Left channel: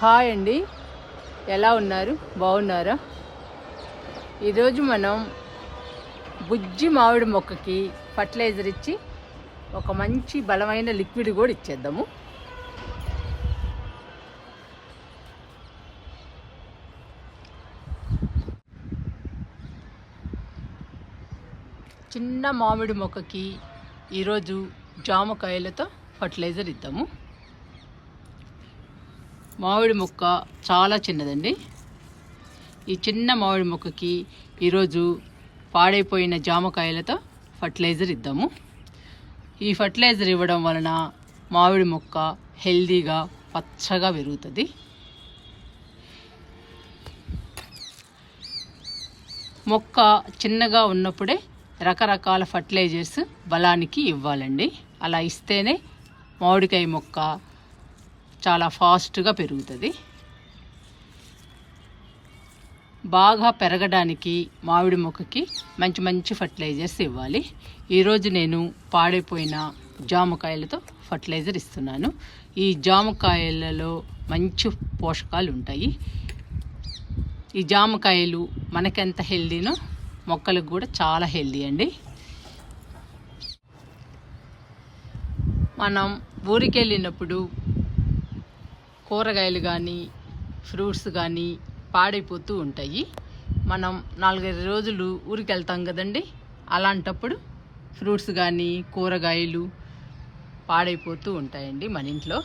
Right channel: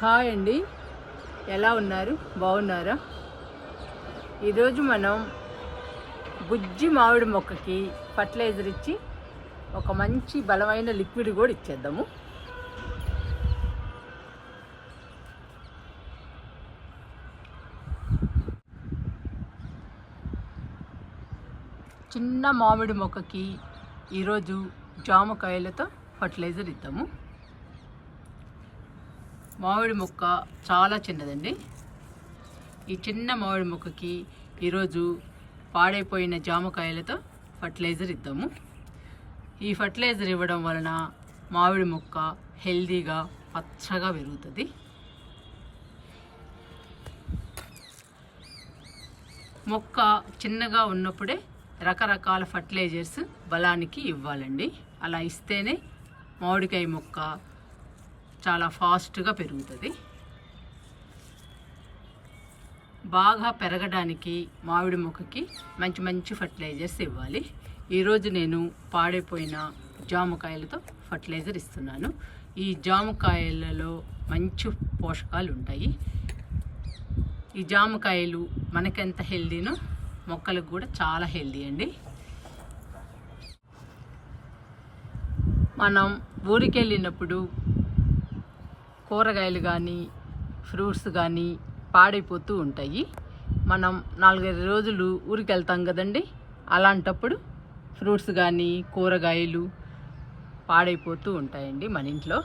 Hi అండి, ఎలా ఉన్నారు? బాగున్నారా? ఈరోజు మనం బుజ్జి మామిడి మొక్కకి ఫర్టిలైజర్ ఇచ్చి ఒక మంచి బలమైన లిక్విడ్ కూడా ఇచ్చేద్దాము. చిన్న మామిడి మొక్కకి ఈరోజు జామకాయలతో ఫర్టిలైజర్ ఇద్దాము. మామిడి మొక్క చాలా చిన్నదండి. ఈ చిన్న మామిడి మొక్కకి ఈరోజు పాడైపోయిన జామకాయలతో ఫర్టిలైజర్ ఇద్దాము. ఈ ఫర్టిలైజర్ ఇవ్వడం వలన మామిడి మొక్క హెల్దీగా పచ్చగా పెరుగుతుంది. మొక్క చిన్నగా ఉన్నప్పుడే రకరకాల ఫర్టిలైజర్స్ బలానికి ఇవ్వాలండి. అలా ఇస్తేనే మామిడికాయ మొక్క చాలా ఫాస్ట్గా పెరుగుతుంది. బాగా పెరగడానికి మామిడి మొక్కకి మంచి మంచి ఫర్టిలైజర్స్ ఇవ్వాలి. ఈరోజు నేను పాడైపోయిన జామకాయలతో ఫర్టిలైజర్ ఇస్తున్నాను. ఈ జామకాయలలో మంచి పోషకాలు ఉంటాయి. ఈ జామకాయలు మనకెంత హెల్దీనో మొక్కలకు కూడా చాలా హెల్దీ అండి. మనం ఊరికి వెళ్ళినప్పుడు కూరగాయలు కానీ ఫ్రూట్స్ కానీ పాడైపోతూ ఉంటాయి. మనం 4-5 రోజులు ఊరికి వెళ్తాం కదండి. అలాంటప్పుడు ఫ్రూట్స్ కానీ కూరగాయలు పాడైపోతూ ఉంటాయండి మన ఇంట్లో.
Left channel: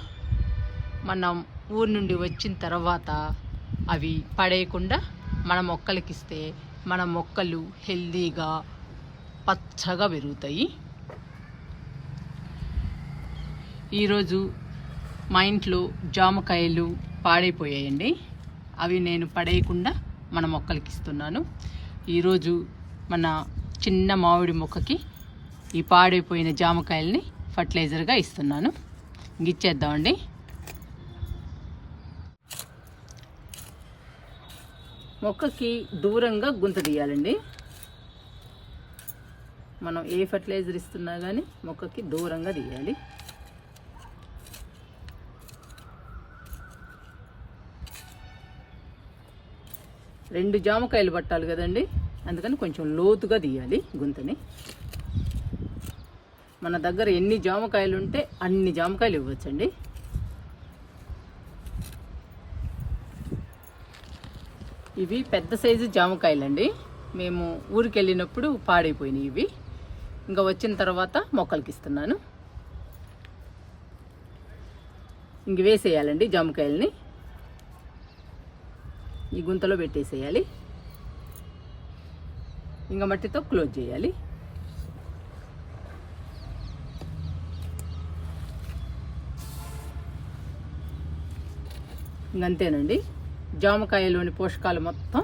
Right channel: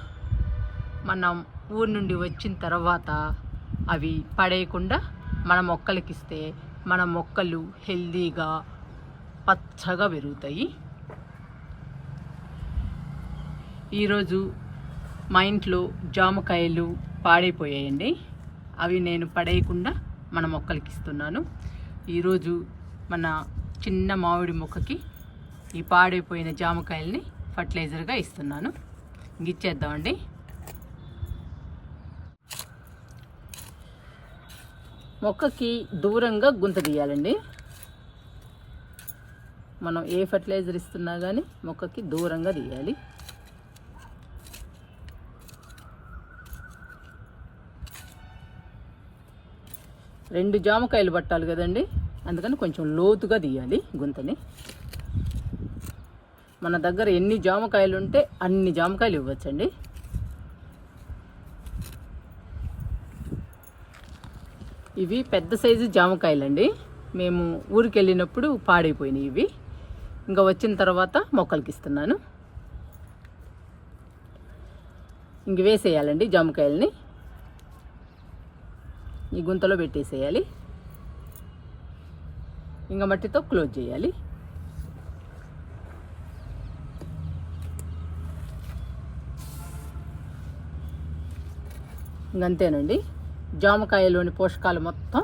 మనం ఊరి నుండి వచ్చిన తర్వాత అవి పడేయకుండా మన మొక్కలకి ఇస్తే మన మొక్కలు హెల్దీగా పచ్చగా పెరుగుతాయి. ఈరోజు మా ఇంట్లో జామకాయలు పాడైపోయాయండి. అవి నేను పడేయకుండా మన మొక్కలకి ఇస్తున్నాను. ఈరోజు మన చిన్న మామిడి మొక్కకి ఈ పాడైపోయిన జామకాయల్ని ఫర్టిలైజర్గా ఇస్తున్నాను. ఇచ్చేద్దామండి. మొక్కకి దూరంగా గుంత తీయాలండి. మనం ఏ ఫర్టిలైజర్ ఇస్తున్నా కానీ మొక్కకి దూరంగా తీయాలి. రెండు జామకాయలు పట్టాలి కదండి, అందుకని కొంచెం లోతుగా తీయాలి గుంతని. మన దగ్గర ఎన్ని జామకాయలు ఉంటే అన్ని జామకాయలు ఇవ్వచ్చండి. ఇవి పెద్ద సైజు జామకాయలండి. మేము ఊరికి వెళ్ళినప్పుడు పాడైపోయినాయి ఇవి. ఇంకా వచ్చిన తర్వాత మొక్కలకి ఇస్తున్నాను. ఇంక వేసేయాలండి జామకాయలని. ఈ గుంతలో పెట్టేసేయాలి. ఇంకా మట్టితో క్లోజ్ చేయాలి. ఇంకంతేనండి. జామకాయలోని పోషకాలు మొత్తం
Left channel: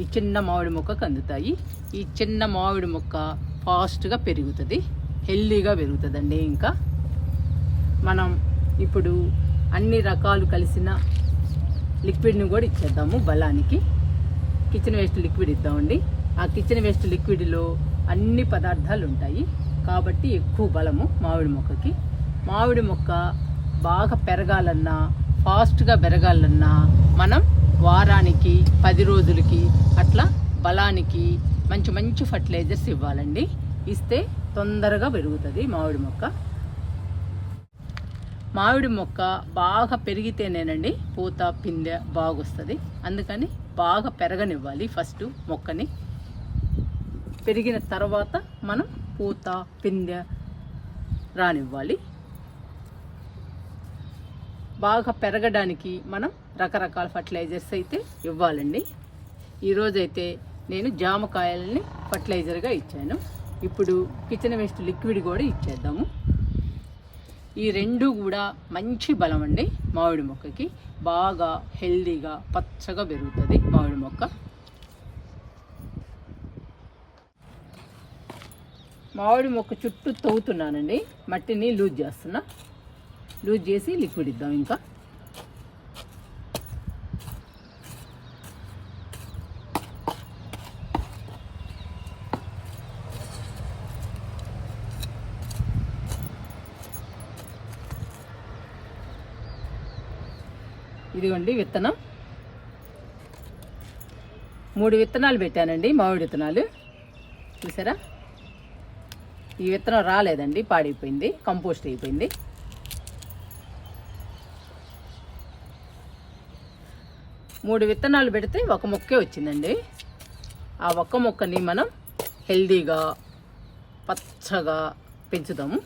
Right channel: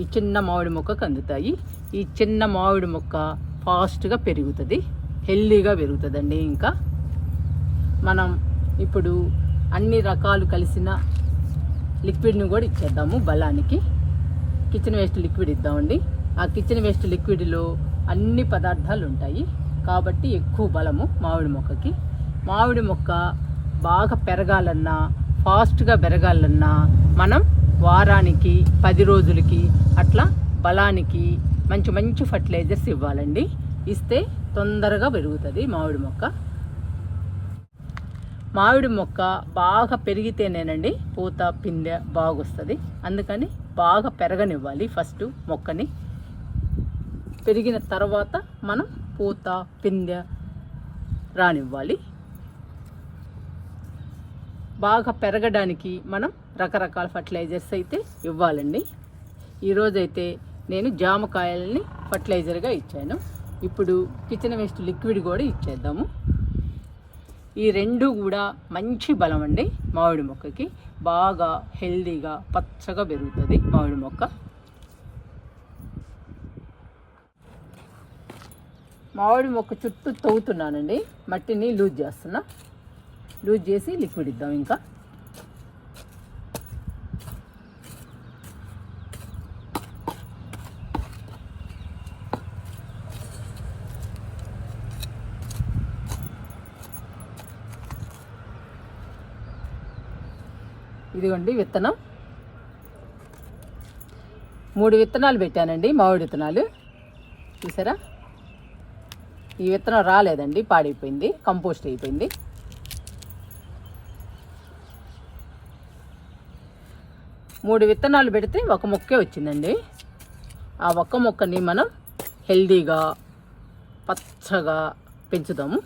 ఈ చిన్న మామిడి మొక్కకు అందుతాయి. ఈ చిన్న మామిడి మొక్క ఫాస్ట్గా పెరుగుతుంది, హెల్దీగా పెరుగుతుందండి. ఇంకా మనం ఇప్పుడు అన్ని రకాలు కలిసిన లిక్విడ్ని కూడా ఇచ్చేద్దాము బలానికి. కిచెన్ వేస్ట్ లిక్విడ్ ఇద్దామండి. ఆ కిచెన్ వేస్ట్ లిక్విడ్లో అన్ని పదార్థాలు ఉంటాయి కాబట్టి ఎక్కువ బలము మామిడి మొక్కకి. మామిడి మొక్క బాగా పెరగాలన్నా ఫాస్ట్గా పెరగాలన్నా మనం వారానికి 10 రోజులకి అట్లా బలానికి మంచి మంచి ఫర్టిలైజర్స్ ఇవ్వాలండి. ఇస్తే తొందరగా పెరుగుతుంది మామిడి మొక్క. మామిడి మొక్క బాగా పెరిగితేనేనండి పూత పిందె బాగొస్తుంది. అందుకని బాగా పెరగనివ్వాలి ఫస్ట్ మొక్కని. పెరిగిన తర్వాత మనం పూత పిందె రానివ్వాలి. బాగా పెరగడానికి మనం రకరకాల ఫర్టిలైజర్స్ అయితే ఇవ్వాలండి. ఈరోజైతే నేను జామకాయల్ని ఫర్టిలైజర్గా ఇచ్చాను. ఇప్పుడు కిచెన్ వేస్ట్ లిక్విడ్ కూడా ఇచ్చేద్దాము. ఈ రెండు కూడా మంచి బలం అండి మామిడి మొక్కకి. బాగా హెల్దీగా పచ్చగా పెరుగుతుంది మామిడి మొక్క. మామిడి మొక్క చుట్టూ తవ్వుతున్నానండి. మట్టిని లూజ్ చేస్తున్నా. లూజ్ చేసి లిక్విడ్ ఇద్దాం. ఇంకా ఇదిగోండి విత్తనం. 3 విత్తనాలు పెట్టానండి, మామిడి విత్తనాలు. చూసారా, ఈ విత్తనం రాలేదండి, పాడైపోయింది, కంపోస్ట్ అయిపోయింది. మూడు విత్తనాలు పెడితే ఒక మొక్కే వచ్చిందండి. ఆ ఒక్క మొక్కని మనం హెల్దీగా పచ్చగా పెంచుదాము.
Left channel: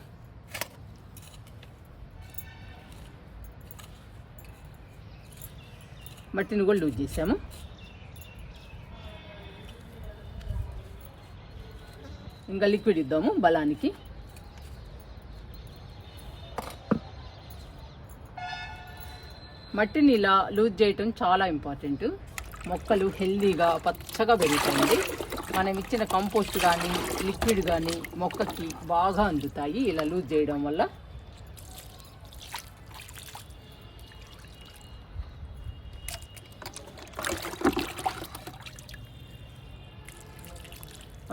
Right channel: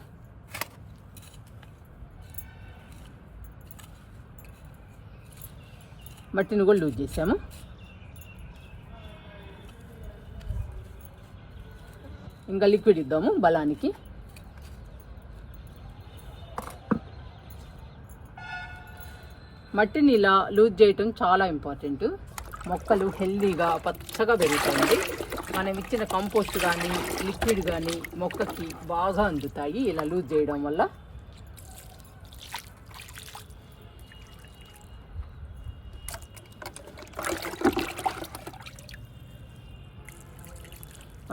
మట్టిని కూడా లూజ్ చేసాము. ఇంకా లిక్విడ్ ఇద్దాము బలానికి. మట్టిని ఇలా లూజ్ చేయటం చాలా ఇంపార్టెంట్. మొక్కలు హెల్దీగా పచ్చగా పెరుగుతాయండి. మనం ఇచ్చిన కంపోస్ట్ కానీ లిక్విడ్ కానీ మొక్కకి బాగా అందుతాయి ఇలా లూజ్ చేయడం వల్ల.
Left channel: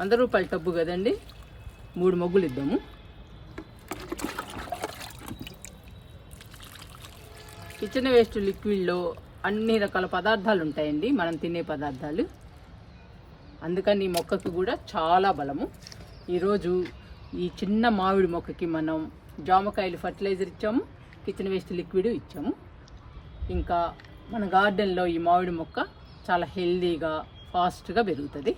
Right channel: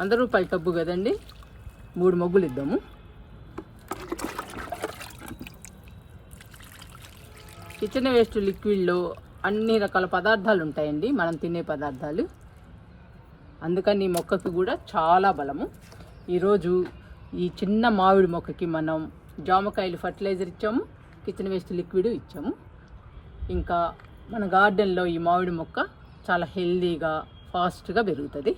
₹100 టబ్బు కదండి, 3 మొగ్గులు ఇద్దాము. కిచెన్ వేస్ట్ లిక్విడ్లో అన్ని రకాల పదార్థాలు ఉంటాయండి, మనం తినే పదార్థాలు. అందుకని ఈ మొక్కకి కూడా చాలా బలము. ఈరోజు ఈ చిన్న మామిడి మొక్కకి మనం జామకాయలు ఫర్టిలైజర్ ఇచ్చాము, కిచెన్ వేస్ట్ లిక్విడ్ ఇచ్చాము. ఇంకా మన గార్డెన్లో ఈ మామిడి మొక్క చాలా హెల్దీగా ఫాస్ట్గా పెరుగుతుంది.